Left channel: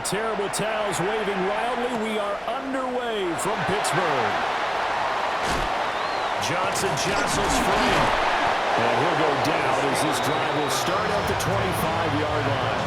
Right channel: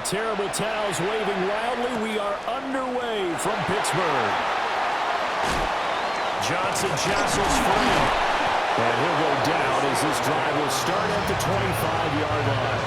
the terrible towels waving wildly. We are underway from Pittsburgh. Johnson jostles free. And he'll go down as this drive will start at the 25-yard line.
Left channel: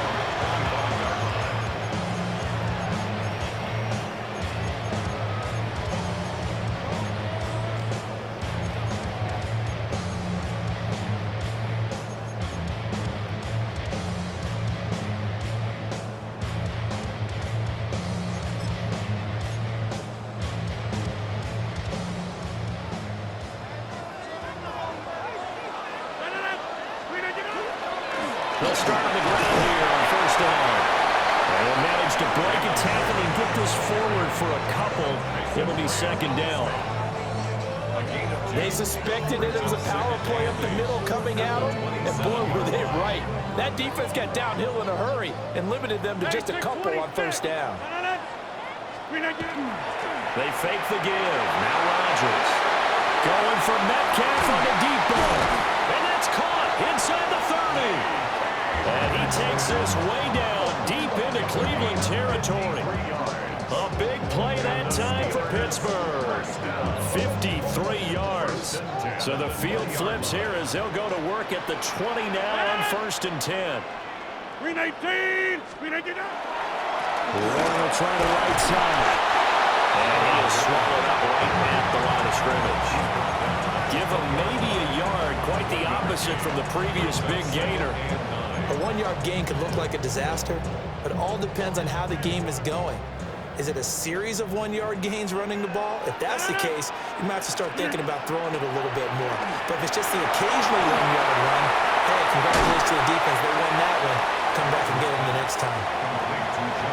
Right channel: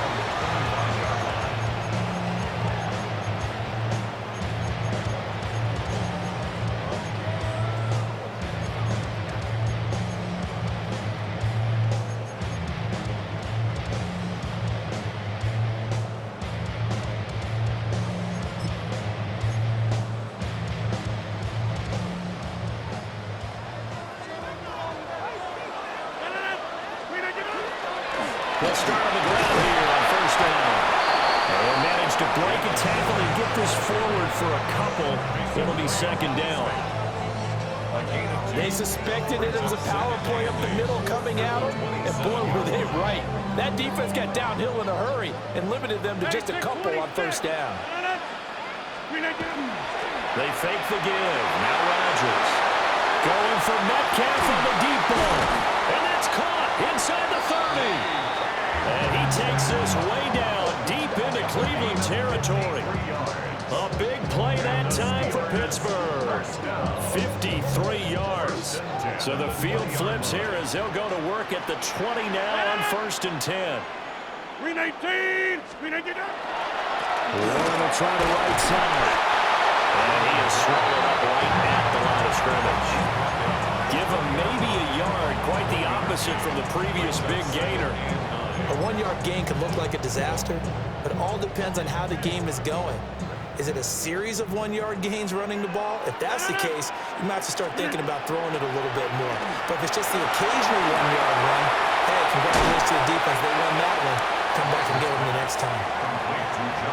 They'll start on the ground here on first down. They'll manage to break a tackle and get this forward for a couple. It'll be second down. They suspected it was a power play up the middle coming at them, and boy, were they right. That defense got downhill in a hurry and limited them to just a couple on first down. They fake the give. Now Rodgers. Going for Metcalf on the deep ball. And that's caught inside the 30. And he takes this way down deep into Cleveland territory. A big play that time for Pittsburgh. 53 yards. So the field flips here as they'll go to work at the 20 now on first and 10. 319. Warren will try the right side. And he is swallowed up right at the line of scrimmage. Give him maybe a yard, quite the opposite from the previous big gainer. A one-yard gain could look like a disaster, but it all depends on how the game is going. Is it a series of one-yard gains running the ball? If that's the case, you might have to start thinking about throwing it a little bit more. But if it's just the occasional one-yard run, hey, congratulations to the defense. They won that one. Come back and get them the next time.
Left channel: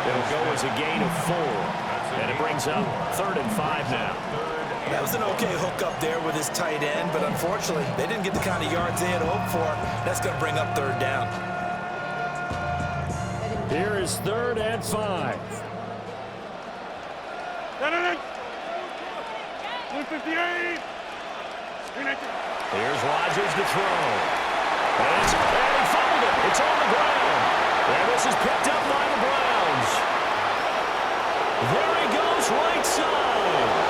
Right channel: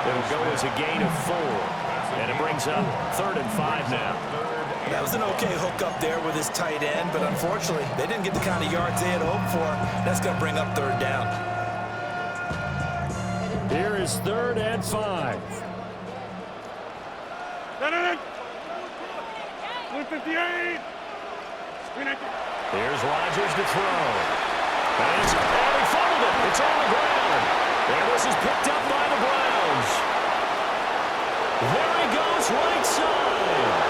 It'll go as a gain of 4. And it brings up 3rd and 5 now. That was an okay hook up there with his tight end, but unfortunately, they didn't get the kind of yards they had hoped for. That's going to bring up 3rd down. Here is 3rd and 5. 158. Here's Rodgers to throw. And he fumbled it. It's on the ground. And this is picked up by the Browns. There he goes, right side.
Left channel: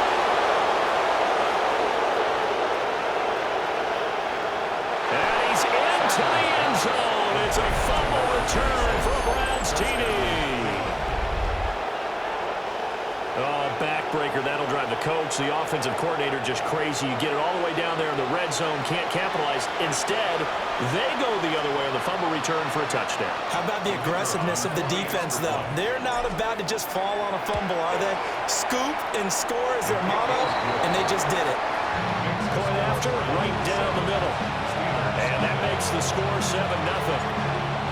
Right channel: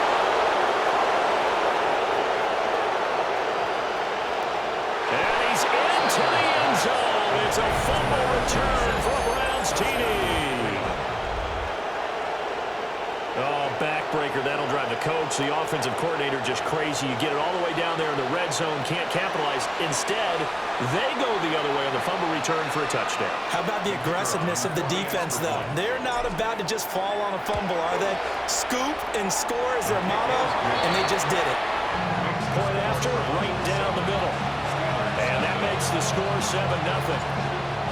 And he's into the end zone. It's a fumble return for a Browns TD. Oh, backbreaker. That'll drive the coach, the offensive coordinator, just crazy. You get it all the way down there in the red zone, can't capitalize. Instead, they go the other way on the fumble return for a touchdown. How about the aggressiveness of the defense, though? They're not about to just fall on a fumble, are they? Scoop and score is their motto, and they just did it. Point after, right down the middle. And that makes the score 7-0.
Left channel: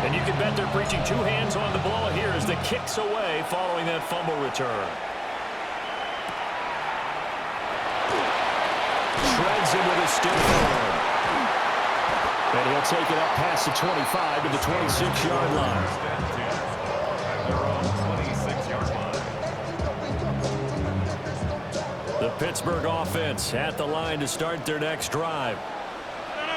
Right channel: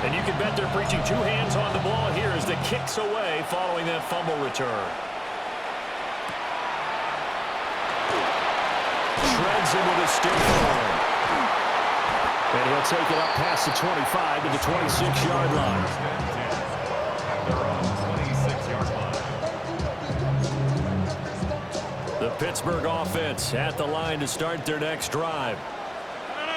And you can bet they're preaching 2 hands on the ball here as the kicks away following that fumble return. Shreds him with a stiff arm. And he'll take it up past the 25 to the 26-yard line. The Pittsburgh offense at the line to start their next drive.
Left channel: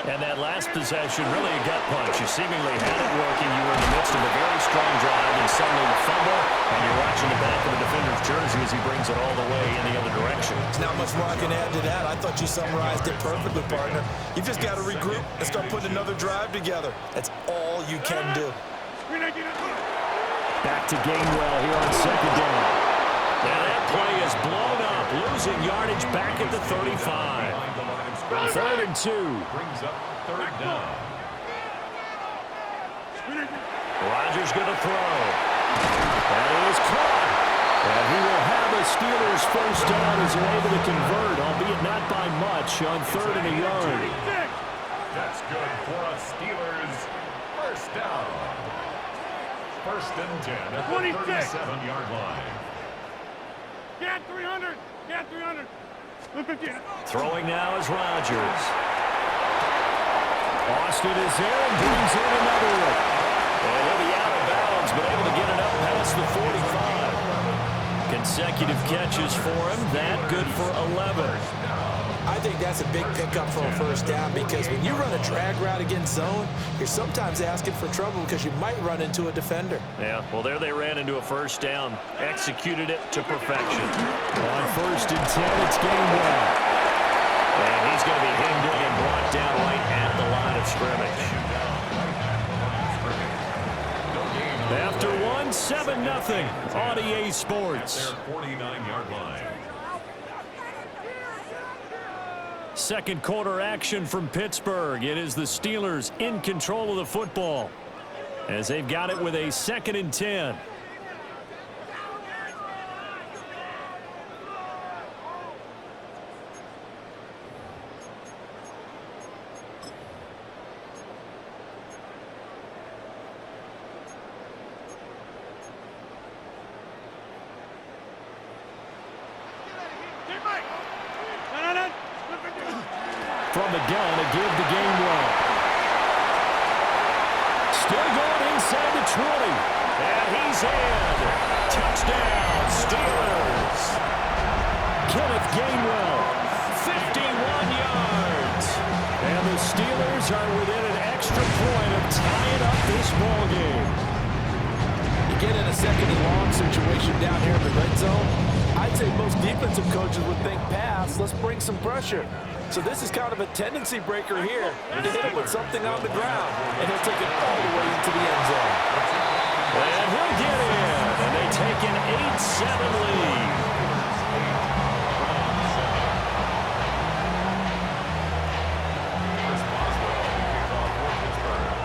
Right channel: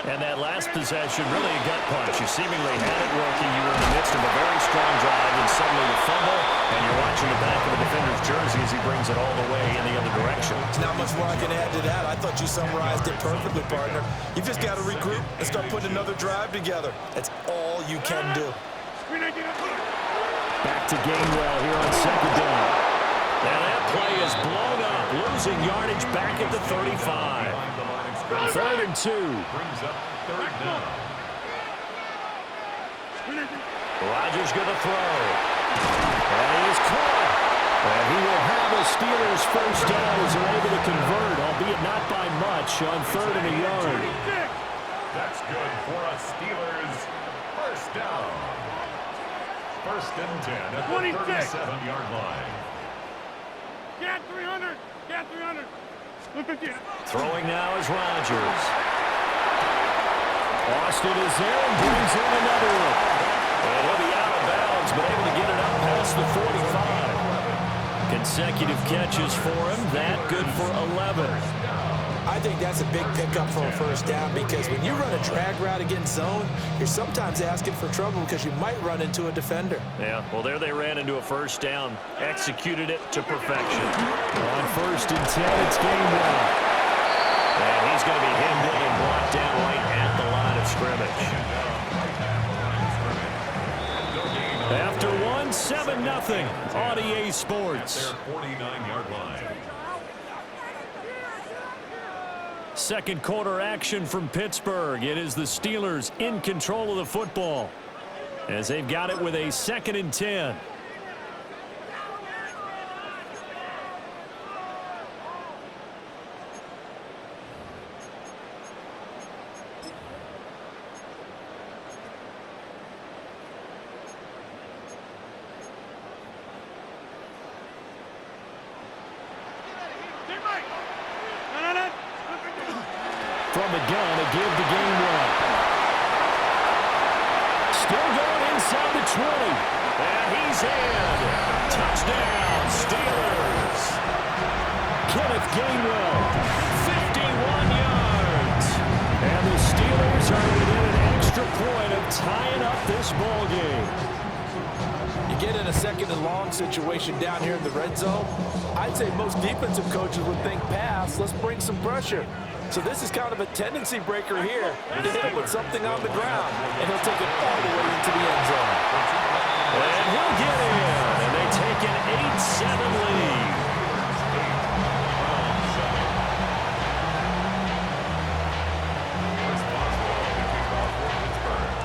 And that last possession, really a gut punch. You seemingly had it working. You were in the midst of a very strong drive, and suddenly the fumble, and you're watching the back of the defender's jersey as he brings it all the way in the other direction. There's not much more I can add to that. I thought you summarized it perfectly, partner. You've just got to regroup and start putting another drive together. That's all you can do. Back to Gainwell here on second down. Now that play is blown up, losing yardage back at the 35. 3rd and 2. Brings up 3rd down. Rodgers going to throw. And he is caught. And he will have a Steelers first down as they're able to convert, albeit not by much, on 3rd and a yard. That's good for a Steelers first down. 1st and 10 at the 37-yard line. Get 300. Get 300. 150. Throwing now is Rodgers. Austin is there and brings in another one. And he'll be out of bounds, but able to get it up past the 45. Consecutive catches for him. That good for 11. I think that's a big pickup for a first down because when you run a drag route against zone, you're sometimes asking for trouble because you might run into a defender. Yeah, well, there they ran into a first down. Executed it to perfection. On 1st and 10, it's Gainwell. And he's going to be hemmed in and brought down right at the line of scrimmage. After 1, 7-0 on EA Sports. 49-yard line. Second quarter action from Pittsburgh. It is the Steelers in control of the football as they've got it with a 2nd and 10. From the gun, a give to Gainwell. Still going inside the 20. And he's in. Touchdown, Steelers. Kenneth Gainwell, 51 yards. And the Steelers are within an extra point of tying up this ball game. You get in a 2nd and long situation down here in the red zone, I'd say most defensive coaches would think pass, let's bring some pressure. So this is kind of a tendency breaker here to hit him with something on the ground, and he'll take it all the way into the end zone. And he'll get in, and they take an 8-7 lead.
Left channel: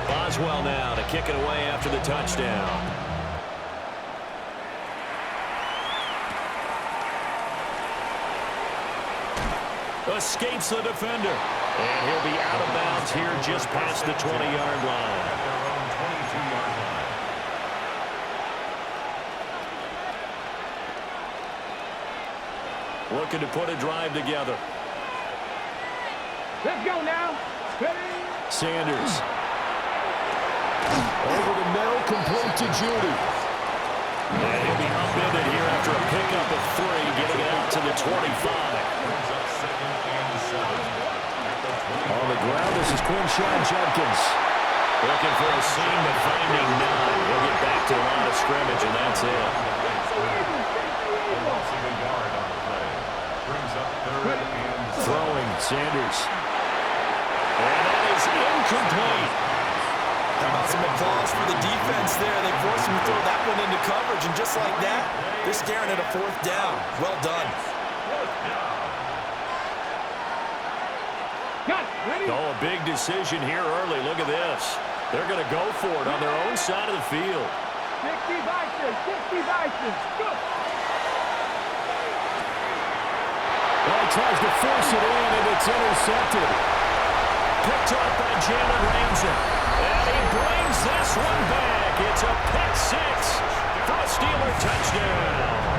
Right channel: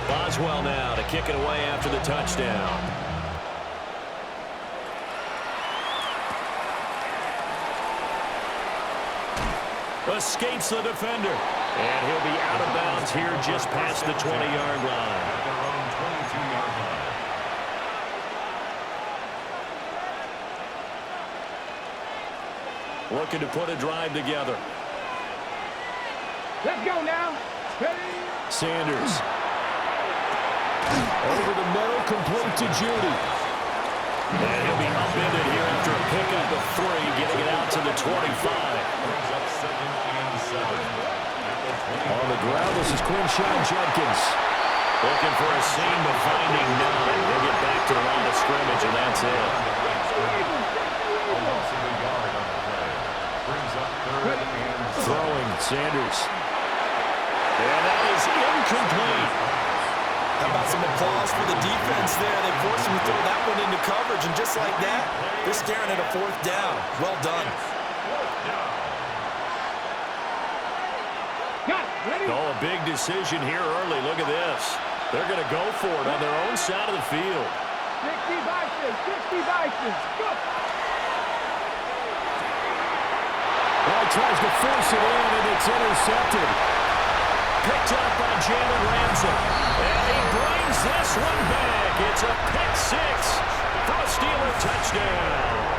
Boswell now to kick it away after the touchdown. Escapes the defender. And he'll be out of bounds here just past the 20-yard line. At their own 22-yard line. Looking to put a drive together. Let's go now. Ready? Sanders. Over the middle, complete to Judy. And he'll be upended here after a pickup of 3, getting it out to the 25. Brings up 2nd and 7. On the ground, this is Quinshawn Judkins. Looking for a seam, but finding none. He'll get back to the line of scrimmage, and that's it. A loss of a yard on the play. Brings up 3rd and 7. Throwing, Sanders. And that is incomplete. How about some applause for the defense there? They forced him to throw that one into coverage, and just like that, they're staring at a 4th down. Well done. 4th down. Got it. Ready? Oh, a big decision here early. Look at this. They're going to go for it on their own side of the field. 60 Vikings. 60 Vikings. Go. Well, he tries to force it in, and it's intercepted. Picked up by Jalen Ramsey. And he brings this one back. It's a pick 6 for a Steeler touchdown.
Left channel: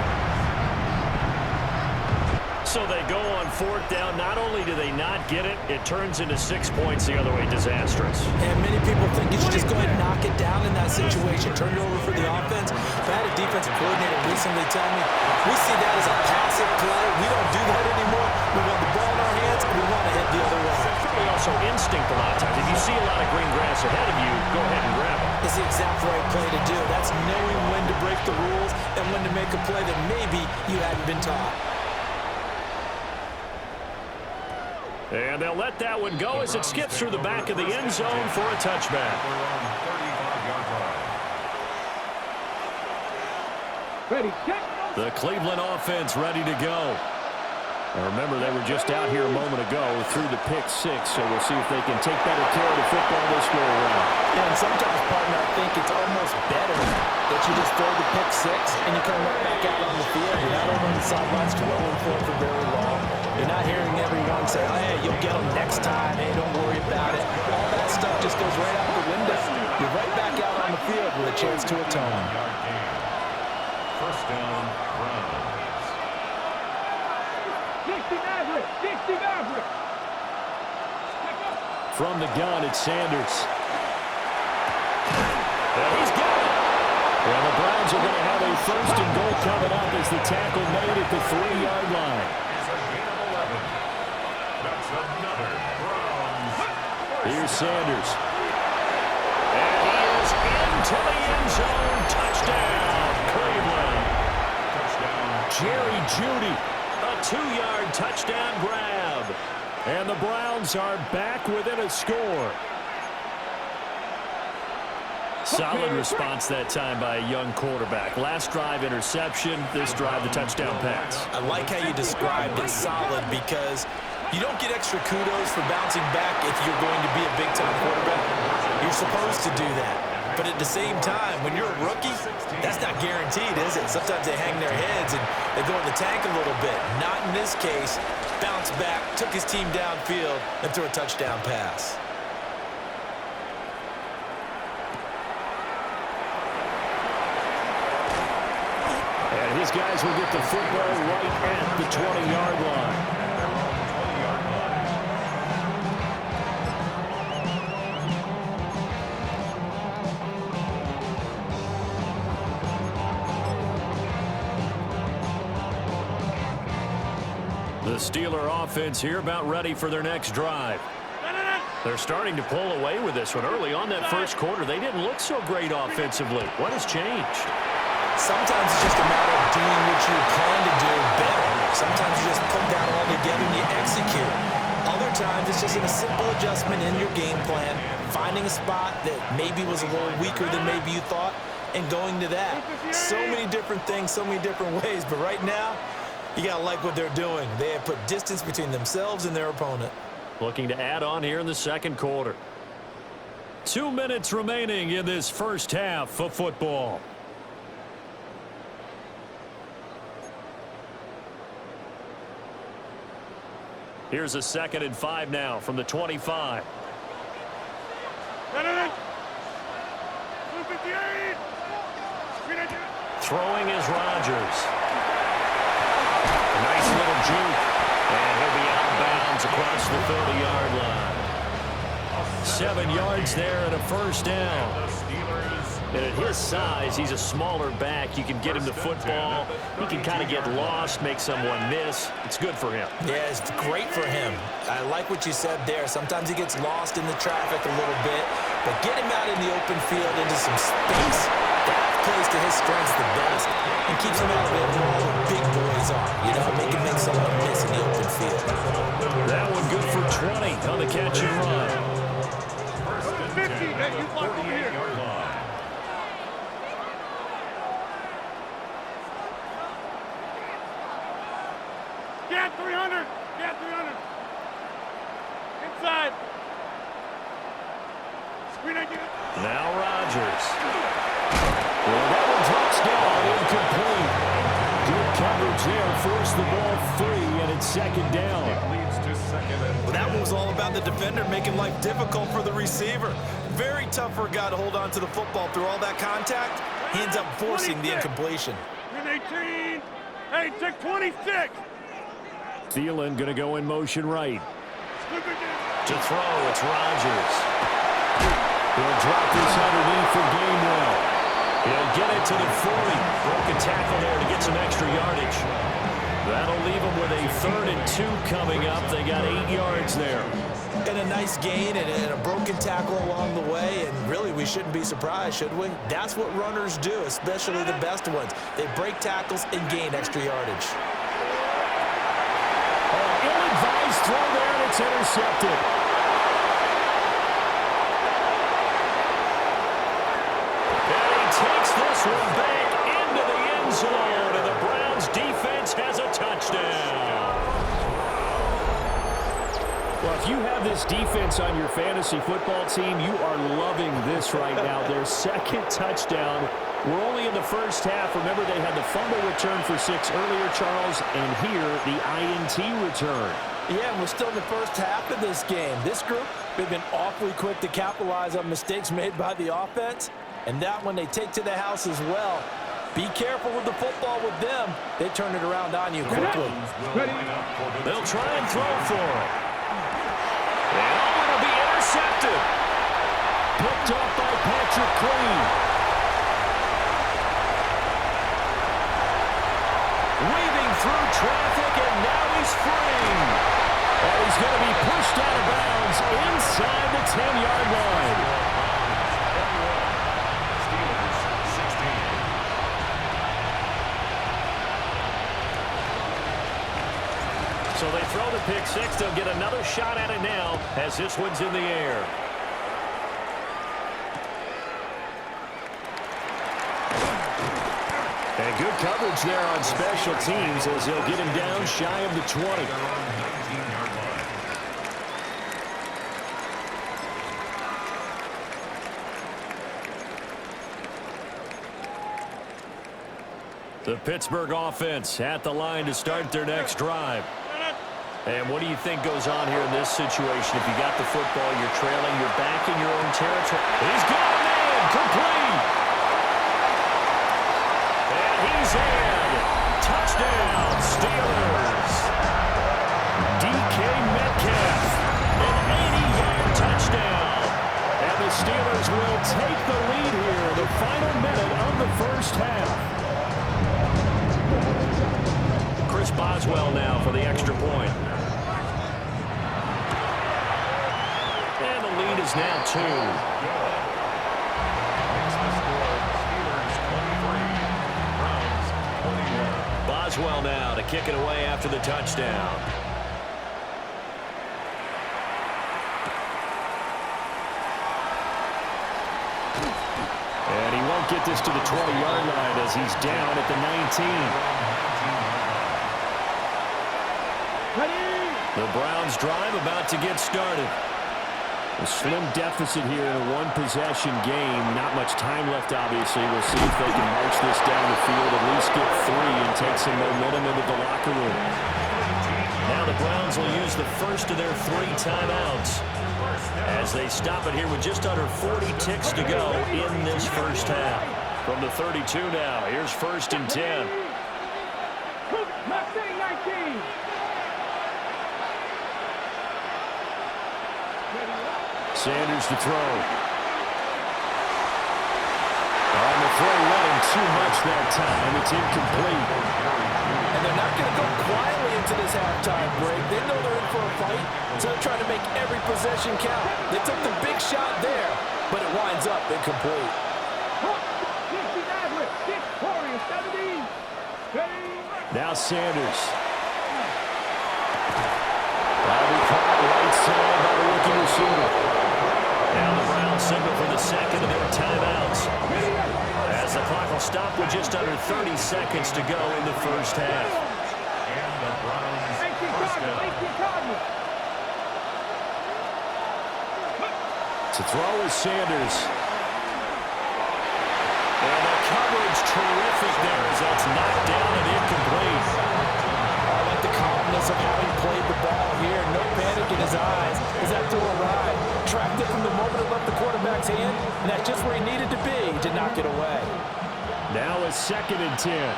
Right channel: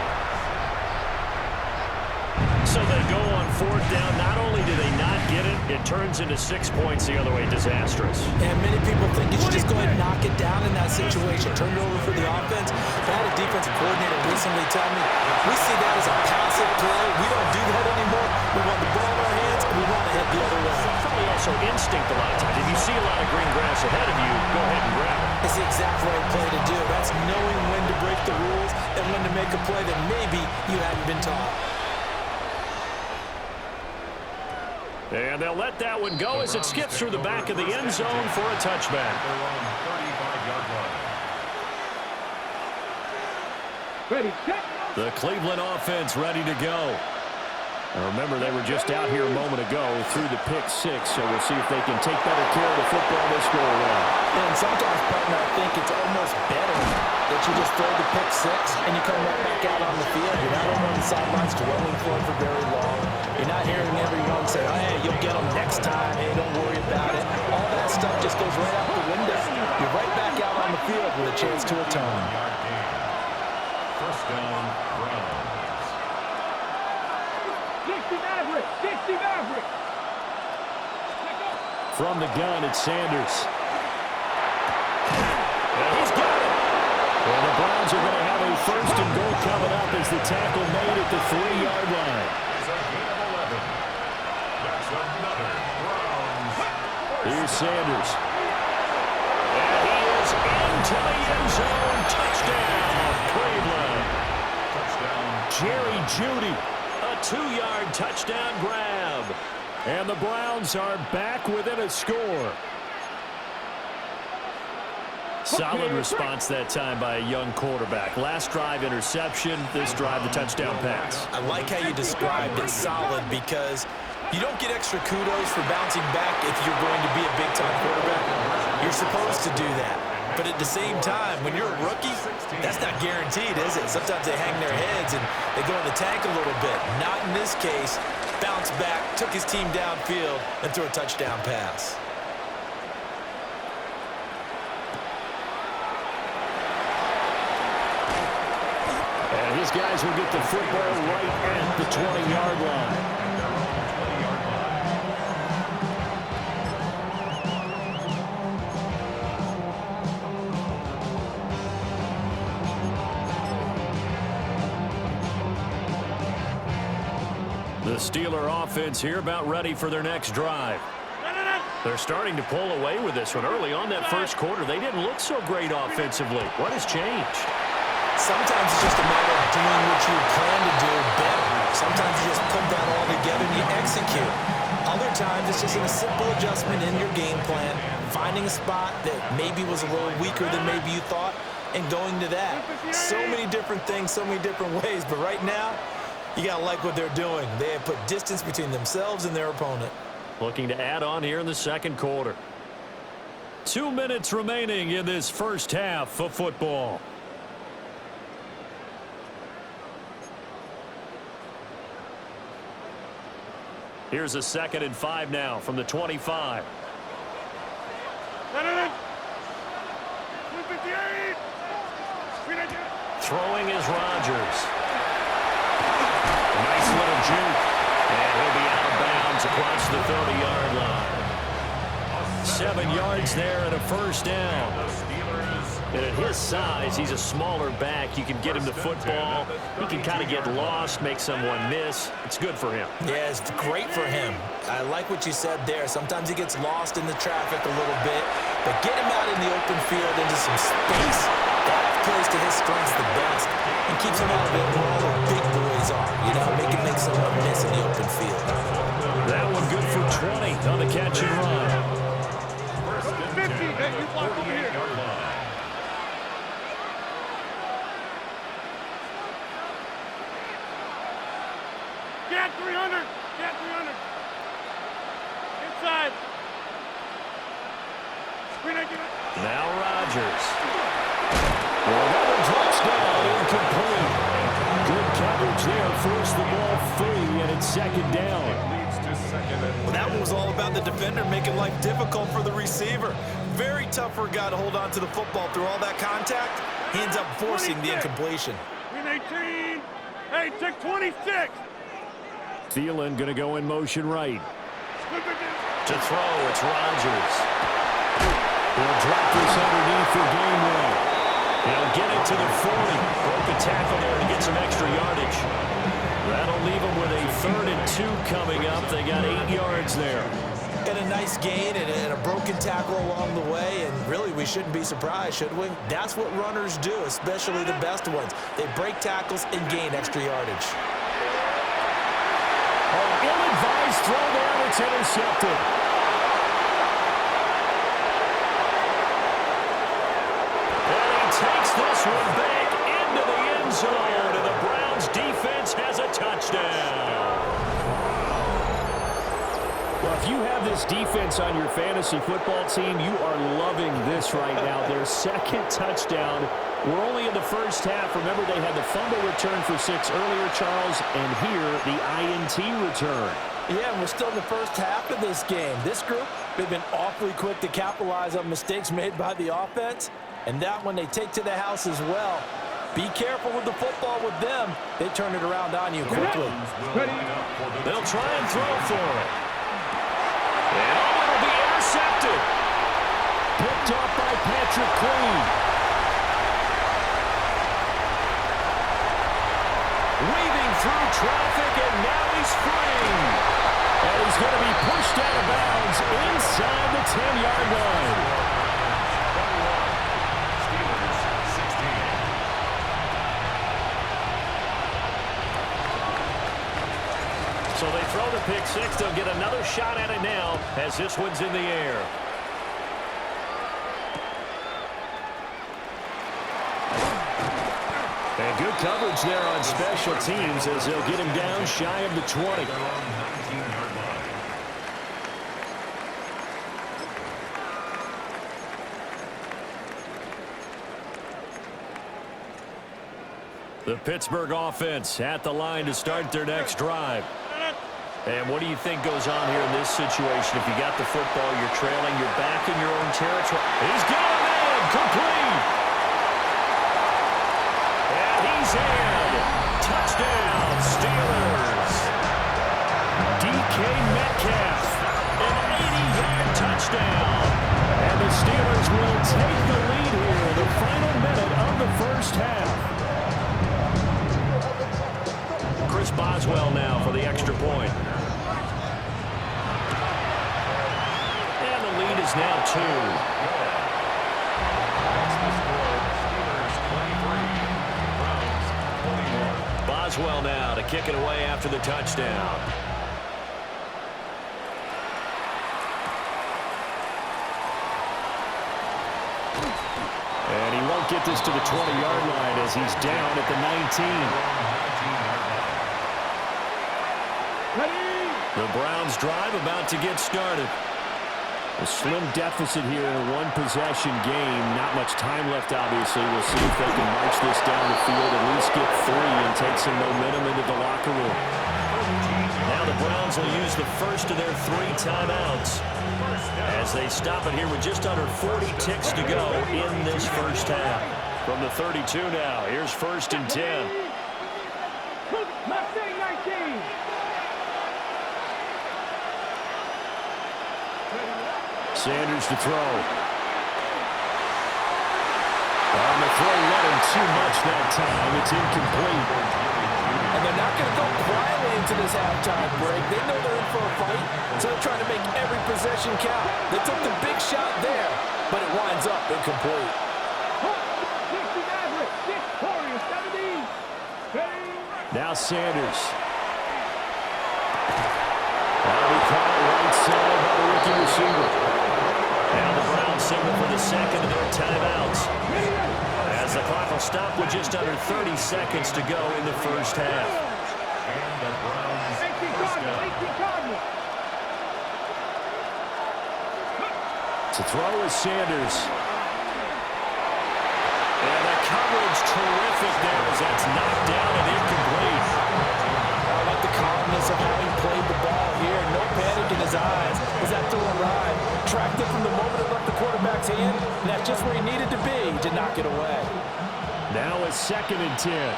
So they go on 4th down. Not only do they not get it, it turns into 6 points the other way. Disastrous. And many people think you should just go ahead and knock it down in that situation. Turn it over for the offense. But I had a defensive coordinator recently tell me, we see that as a passive play. We don't do that anymore. We want the ball in our hands, and we want to hit the other way. It's probably also instinct a lot of times. If you see a lot of green grass ahead of you, go ahead and grab it. It's the exact right play to do. That's knowing when to break the rules and when to make a play that maybe you hadn't been taught. And they'll let that one go as it skips through the back of the end zone for a touchback. At their own 35-yard line. Ready. Check. The Cleveland offense ready to go. Now remember, they were just out here a moment ago through the pick 6, so we'll see if they can take better care of the football this go around. And sometimes, partner, I think it's almost better that you just throw the pick 6 and you come right back out on the field. You're not over on the sidelines dwelling for it for very long. You're not hearing everyone say, oh, hey, you'll get them next time. Hey, don't worry about it. All that stuff just goes right out the window. You're right back out on the field with a chance to atone. First down, Browns. 60 Maverick. 60 Maverick. From the gun, it's Sanders. And he's got it. And the Browns are going to have a 1st and goal coming up as the tackle made at the 3-yard line. It's a gain of 11. That's another Browns. Here's Sanders. And he is into the end zone. Touchdown, Cleveland. Touchdown. Jerry Jeudy, a 2-yard touchdown grab. And the Browns are back within a score. Solid response that time by a young quarterback. Last drive, interception. This drive, the touchdown pass. I like how you described it, solid, because you don't get extra kudos for bouncing back if you're going to be a big-time quarterback. You're supposed to do that. But at the same time, when you're a rookie, that's not guaranteed, is it? Sometimes they hang their heads and they go in the tank a little bit. Not in this case. Bounced back, took his team downfield, and threw a touchdown pass. And his guys will get the football right at the 20-yard line. At their own 20-yard line. The Steeler offense here about ready for their next drive. They're starting to pull away with this one. Early on that first quarter, they didn't look so great offensively. What has changed? Sometimes it's just a matter of doing what you plan to do better. Sometimes you just put that all together and you execute. Other times it's just a simple adjustment in your game plan, finding a spot that maybe was a little weaker than maybe you thought, and going to that. So many different things, so many different ways, but right now, you got to like what they're doing. They have put distance between themselves and their opponent. Looking to add on here in the second quarter. 2 minutes remaining in this first half of football. Here's a 2nd and 5 now from the 25. Throwing is Rodgers. Nice little juke. And he'll be out of bounds across the 30-yard line. 7 yards there and a first down. And at his size, he's a smaller back. You can get him the football. He can kind of get lost, make someone miss. It's good for him. Yeah, it's great for him. I like what you said there. Sometimes he gets lost in the traffic a little bit, but get him out in the open field into some space. That plays to his strengths the best and keeps him out of it where all the big boys are. You know, make someone miss in the open field. That one good for 20 on the catch and run. First and 10 at the 48-yard line. Get 300. Get 300. Inside. Screen it. Now Rodgers. Well, that one drops down, incomplete. Good coverage there, forced the ball free, and it's 2nd down. It leads to 2nd and 10. Well, that one was all about the defender making life difficult for the receiver. Very tough for a guy to hold on to the football through all that contact. He ends up forcing the incompletion. Win 18. Hey, check 26. Thielen going to go in motion right. To throw, it's Rodgers. He'll drop this underneath for Gainwell. He'll get it to the 40. Broke a tackle there to get some extra yardage. That'll leave them with a 3rd and 2 coming up. They got 8 yards there. And a nice gain and a broken tackle along the way, and really we shouldn't be surprised, should we? That's what runners do, especially the best ones. They break tackles and gain extra yardage. Oh, ill-advised throw there, and it's intercepted. And he takes this one back into the end zone, and the Browns defense has a touchdown. Well, if you have this defense on your fantasy football team, you are loving this right now. Their 2nd touchdown. We're only in the first half. Remember, they had the fumble return for 6 earlier, Charles, and here the INT return. Yeah, and we're still in the first half of this game. This group, they've been awfully quick to capitalize on mistakes made by the offense, and that one they take to the house as well. Be careful with the football with them. They turn it around on you quickly. They'll try and throw for it. And oh, it'll be intercepted. Picked off by Patrick Queen. Weaving through traffic, and now he's free. And he's going to be pushed out of bounds inside the 10-yard line. Steelers 16. So they throw the pick six. They'll get another shot at it now as this one's in the air. And good coverage there on special teams as they'll get him down shy of the 20. They're on 19-yard line. The Pittsburgh offense at the line to start their next drive. And what do you think goes on here in this situation? If you got the football, you're trailing, you're back in your own territory. He's got a man, complete. And he's in. Touchdown, Steelers. DK Metcalf, an 80-yard touchdown. And the Steelers will take the lead here in the final minute of the first half. Chris Boswell now for the extra point. And the lead is now 2. Makes the score Steelers 23, Browns 21. Boswell now to kick it away after the touchdown. And he won't get this to the 20-yard line as he's down at the 19. The Browns drive about to get started. A slim deficit here in a one-possession game. Not much time left, obviously. We'll see if they can march this down the field, at least get 3 and take some momentum into the locker room. Now the Browns will use the first of their 3 timeouts as they stop it here with just under 40 ticks to go in this first half. From the 32 now, here's 1st and 10. Sanders to throw. On the throw, running too much that time. It's incomplete. And they're not going to go quietly into this halftime break. They know they're in for a fight, so they're trying to make every possession count. They took the big shot there, but it winds up incomplete. Now Sanders. That'll be caught right side by the rookie receiver. Now the Browns signal for the second of their timeouts, as the clock will stop with just under 30 seconds to go in the first half. And the Browns first down. To throw is Sanders. And the coverage terrific there as that's knocked down and incomplete. I like the calmness of how he played the ball here. No panic in his eyes as that throw arrived. Tracked it from the moment it left the quarterback's hand, and that's just where he needed to be to knock it away. Now it's 2nd and 10.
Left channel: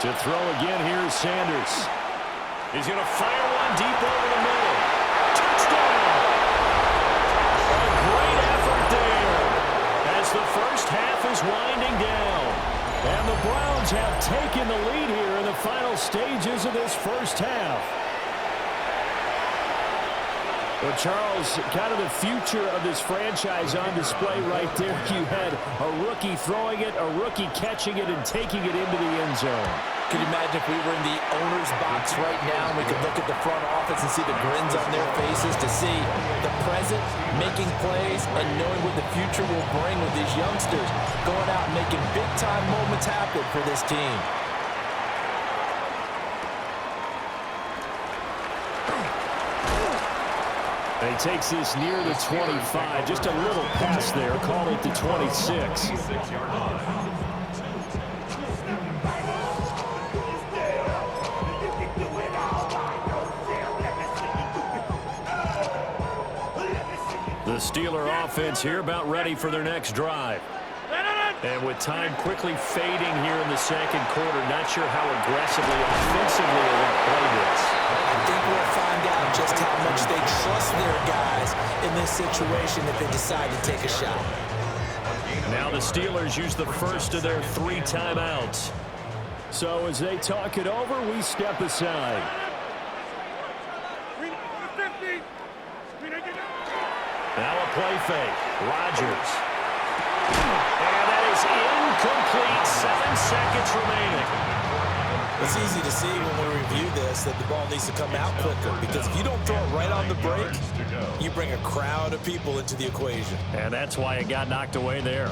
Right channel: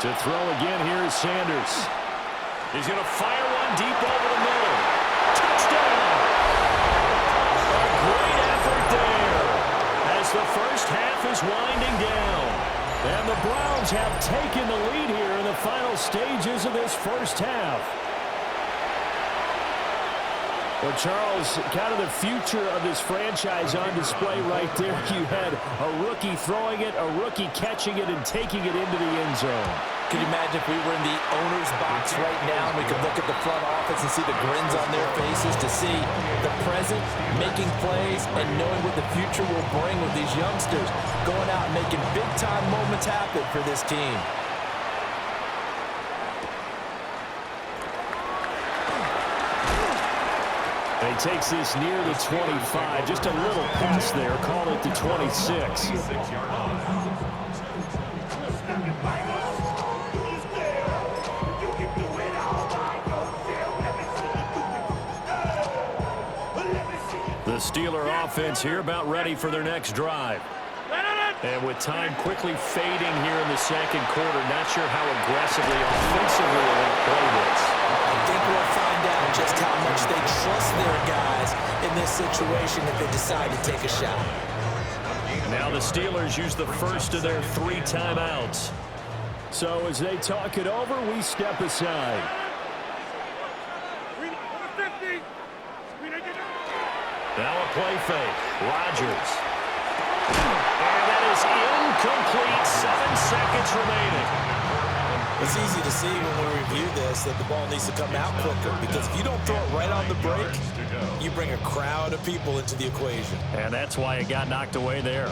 To throw again, here's Sanders. He's going to fire one deep over the middle. Touchdown! A great effort there as the first half is winding down. And the Browns have taken the lead here in the final stages of this first half. Well, Charles, kind of the future of this franchise on display right there. You had a rookie throwing it, a rookie catching it, and taking it into the end zone. Could you imagine if we were in the owner's box right now and we could look at the front office and see the grins on their faces, to see the present making plays and knowing what the future will bring with these youngsters going out and making big-time moments happen for this team. And he takes this near the 25. Just a little pass there. Called it the 26. 26-yard line. The Steeler offense here about ready for their next drive. And with time quickly fading here in the second quarter, not sure how aggressively, offensively they want to play this. I think we'll find out just how much they trust their guys in this situation if they decide to take a shot. Now the Steelers use the first of their 3 timeouts. So as they talk it over, we step aside. Now a play fake. Rodgers. And that is incomplete. 7 seconds remaining. It's easy to see when we review this that the ball needs to come out quicker, because if you don't throw it right on the break, you bring a crowd of people into the equation. And that's why it got knocked away there.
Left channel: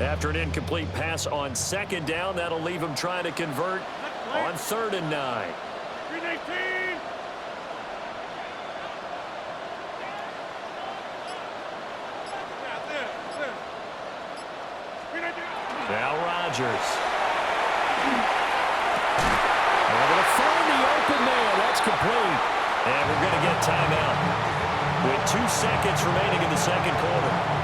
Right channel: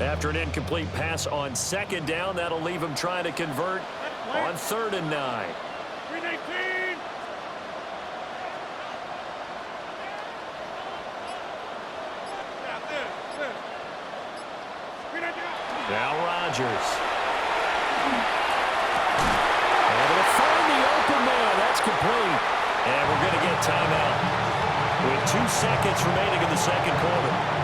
After an incomplete pass on 2nd down, that'll leave him trying to convert on 3rd and 9. 319. Now Rodgers. Able to find the open man. That's complete. And we're going to get timeout with 2 seconds remaining in the 2nd quarter.